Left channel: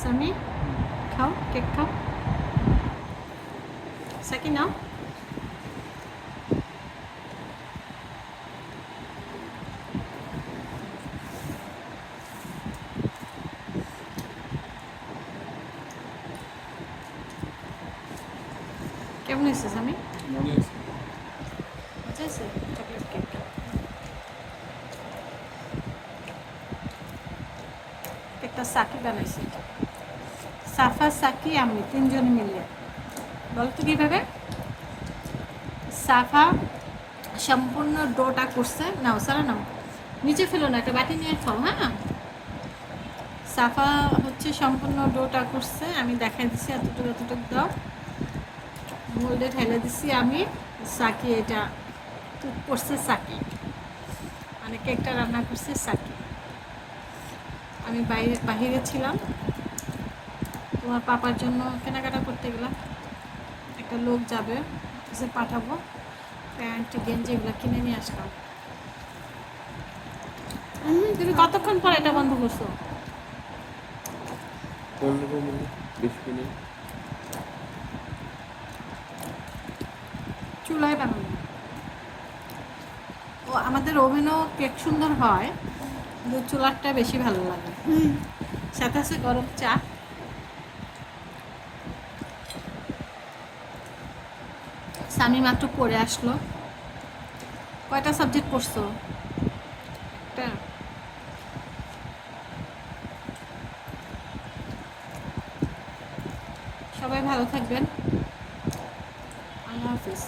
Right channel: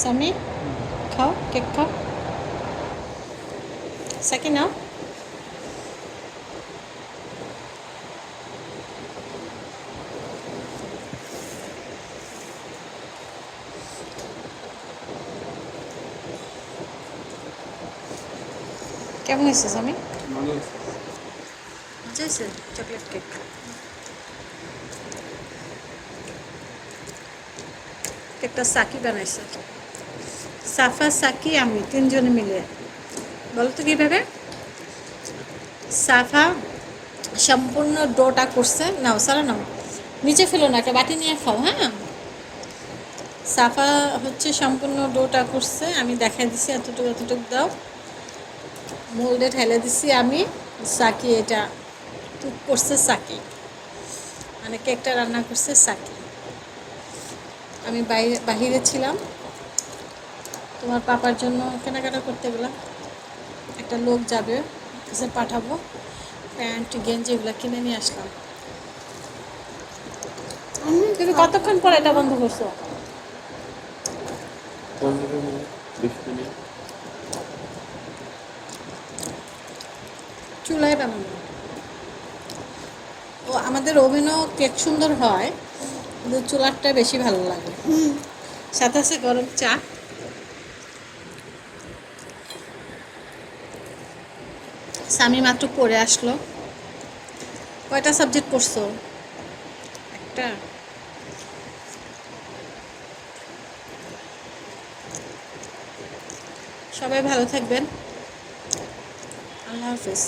সামি খাও, কেক খাও। সাকি নাও। কেমন হয়েছে সামি? মজা হয়েছে চকলেট কেক। কেকটা সাকি বানাইছে, সাফা, সাকি, আমি তিনজনে মিলে। বলো তো কীভাবে? সাফা সম্পূর্ণ ডোটা করছে। নাও সারা নাও, নিচে ফেলো না, একটা বাটি নিয়ে খাও। হ্যাঁ, সাফা হচ্ছে সম্পূর্ণ ডোটা করছে, আমি দেখাই দিছি এতটুকু এতটুকু দাও। মোল্ডে ঢেলে দিছি আমি। সাকি এটা কুক করছে, সাকি মানে কেকটা রান্না করছে সাকি। আমি বাহিরে ছিলাম, তোমার পাপার জন্য কেনাকাটা করতে গেলাম। একটা লোক যাবে, এসে পাঠাবো, প্যান্ট গেঞ্জি এগুলো কিনে নিয়ে আসলাম। তুমি কতক্ষণ পর এটা বন্ধ করছো? 15 মিনিট, 20 মিনিট। চুলায় বানানো। ও আমাদের ওভেনও কেক সুন্দর হয়, কিন্তু চুলারটা বেশি ভালো লাগে। সাথে আছে গরম চা। স্বামী মাত্র পড়ে আসলো। কয়টা সাবজেক্ট পড়ছো? একটা। সবাই ভালো থাকবেন, আল্লাহ হাফেজ।